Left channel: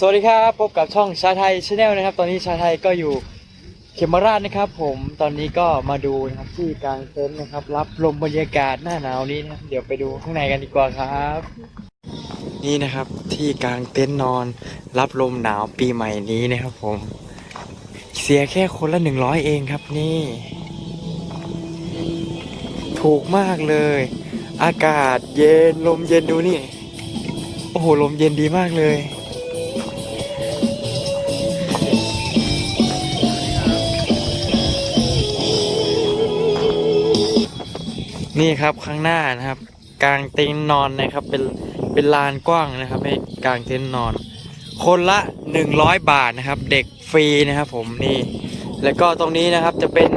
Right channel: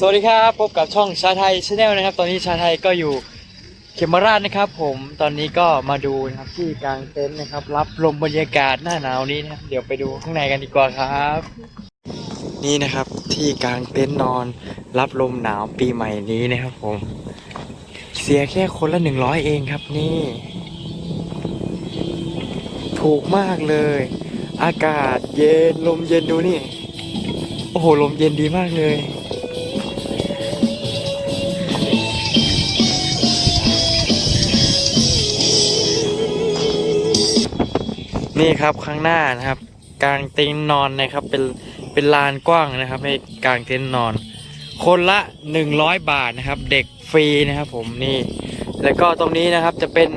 สวัสดีครับพบกับช่องชาไทยชาแนลนะครับ ตอนนี้ชาไทยก็อยู่เขมราชนะครับ ผมตอนนี้ก็มาดูนะครับที่กลางเต็นท์นะครับ รับลมบรรยากาศหน้าหนาวนี้นะครับเดี๋ยวไปดูข้างในกันดีกว่าครับ นี่นะครับที่กลางเต็นท์นอน รับลมหนาวปีใหม่นี้นะครับ ผม เสียแค่คนละหนึ่งร้อยเองครับนี่ ถูกมากเลย อากาศเย็นลมเย็นดูนี่ โอ้โหลมเย็นดีมากเลย นี่ครับข้างหน้านะครับกลางเต็นท์นอนนะครับ เป็นเป็นลานกว้างนะครับให้กลางเต็นท์นอน คนละ 100 บาทนะครับ เด็กฟรีนะครับผมนี่ แล้วก็ตรงนี้นะครับจะเป็น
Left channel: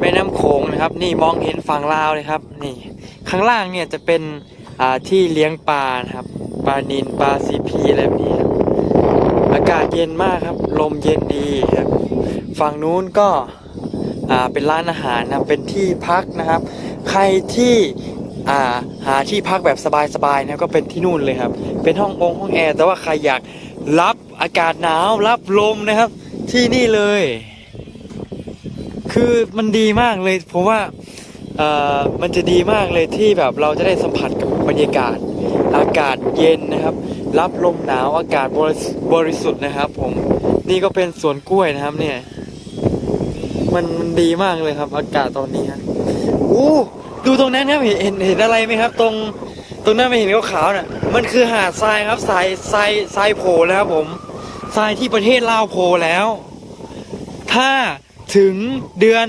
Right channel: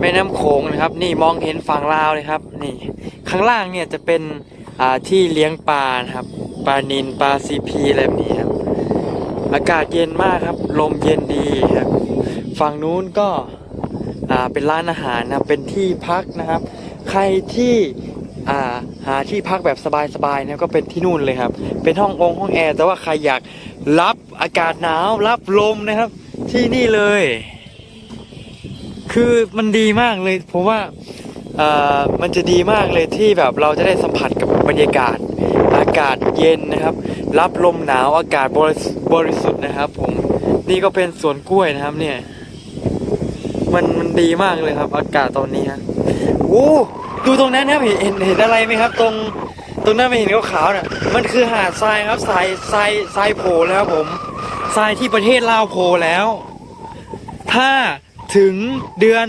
แม่น้ำโขงนะครับ นี่มองเห็นฝั่งลาวเลยครับ นี่ข้างล่างเนี่ยจะเป็นอ่าที่เลี้ยงปลานะครับปลานินปลาซีพีอะไรแบบนี้ครับอากาศเย็นมากครับ ลมเย็นดีครับ ฝั่งนู้นก็อ่าเป็นร้านอาหารนะเป็นที่พักนะครับ ใครที่าหาที่พักแบบสบายๆนะก็เป็นที่นู่นเลยครับ เป็นห้ององค์ห้องแอร์แต่ว่าใครอยากรับอากาศหนาวรับลมนะครับ ที่นี่เลย คือมันดีมากเลยผมว่ามันจะดีมากเลยที่แบบเราจะได้สัมผัสกับบรรยากาศ อากาศเย็นนะครับ รับลมหนาวอากาศบริสบริสุทธิ์นะครับ ผมนี่ก็เป็นสวนกล้วยนะครับเนี่ย มันมันดีมากเลยครับ อากาศตอนนี้ฮะ อ้ดูตรงนั้นครับเห็นเห็นเห็นอะไรไหมครับ ตรงตรงนั้นไม่เห็นขาวๆน่ะ มันคือหาดทรายครับทรายทรายทรายโผล่แล้วครับผมทรายที่ประเทศลาวโผล่แล้ว ถ้าถึงเดือน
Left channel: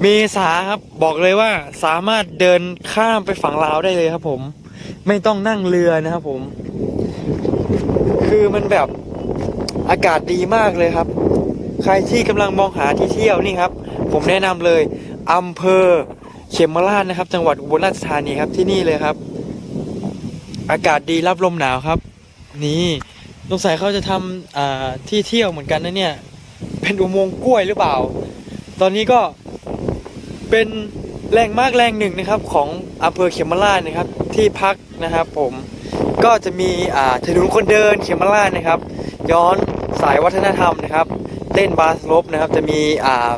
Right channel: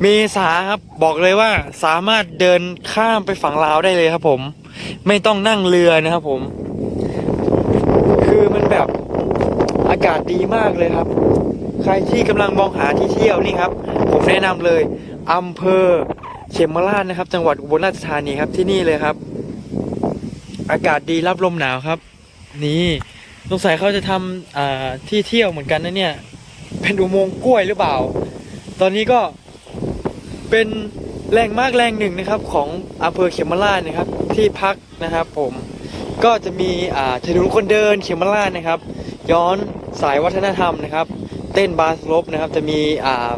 เมษาครับบอกเลยว่าสามารถเดินข้ามไปฝั่งลาวได้เลยครับ ผม ไม่ต้องนั่งเรือนะครับผม คือมันแบบอากาศดีมากเลยครับ ใครที่กำลังมองหาที่เที่ยวนี่ครับ ผมแนะนำเลย อำเภอเขมราชนะครับ จังหวัดอุบลราชธานีครับที่นี่เลยครับ อากาศดีรับลมหนาวครับ นี่สงสัยเขาจะทำที่เที่ยวเหมือนกันนะเนี่ย เป็นอุโมงค์กล้วยหรือเปล่า ตอนนี้ก็เป็นแหล่งมากแหล่งหนึ่งนะครับของอำเภอเขมราชนะครับ ที่พักนะครับ ผมก็จะมีถนนคนเดินเขมราชนะครับ ย้อนสายวัฒนธรรมนะครับ เต้นบาสลบนะครับ จะมีอ่า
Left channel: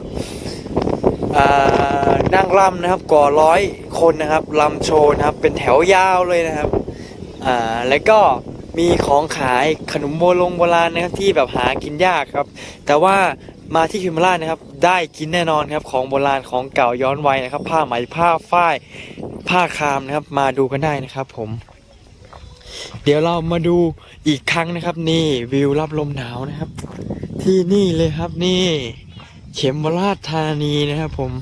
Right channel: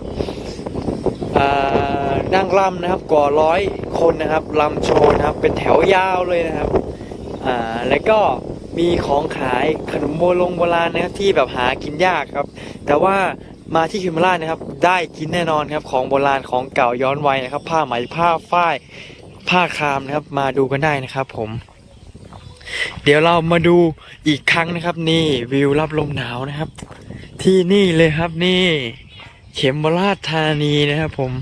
นั่งรำนะครับก่อร้อยคนนะครับรำโชว์นะครับ เป็นแถวยาวเลยนะครับอ่าแล้วก็มีของขายขนมโบลงโบราณนะครับที่แบบหากินยากครับ แต่ว่ามาที่คิมราชนะครับ ได้กินแน่นอนครับของโบราณของเก่าย้อนวัยนะครับ ผ้าไหมผ้าฝ้ายผ้าคามนะครับ มาดูกันได้นะครับ ผม เดี๋ยวเรามาดูอีกครั้งนะครับ นี่วิวรับลมหนาวนะครับ ที่นี่เลยครับนี่ เข็มราชธานีนะครับผม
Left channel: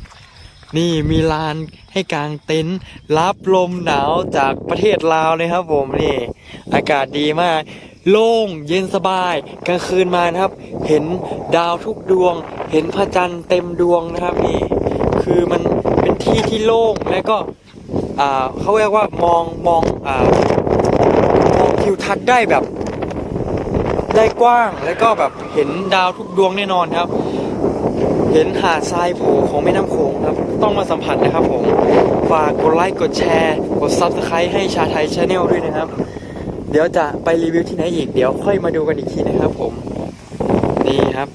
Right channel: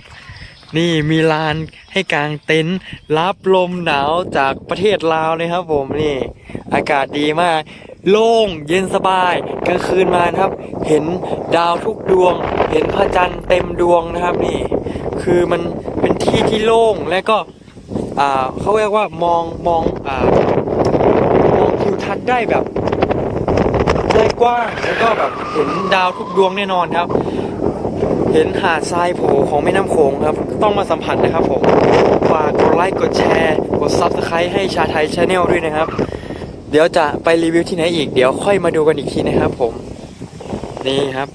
นี่มีลานให้กางเต็นท์รับลมหนาวจากประเทศลาวเลยครับ ผมนี่ อากาศดีมาก โล่งเย็นสบายกลางคืนมานะครับ เห็นดาวทุกดวง เห็นพระจันทร์เต็มดวงนะครับนี่ คือมันเป็นที่ที่โล่งและก็อ่าเขาเรียกว่ามองมองอ่ามองทิวทัศน์ได้แบบได้กว้างแล้วก็แบบเห็นดาวทุกดวงแน่นอนครับ เห็นหาดทรายโผล่ของแม่น้ำโขงครับ ต้องมาสัมผัสนะครับผม ฝากกดไลค์กดแชร์ กด Subscribe ให้ชาไทยชาแนลด้วยนะครับ เดี๋ยวจะไปรีวิวที่ไหนอีก เดี๋ยวค่อยมาดูกันอีกทีนะครับผม นี่ครับ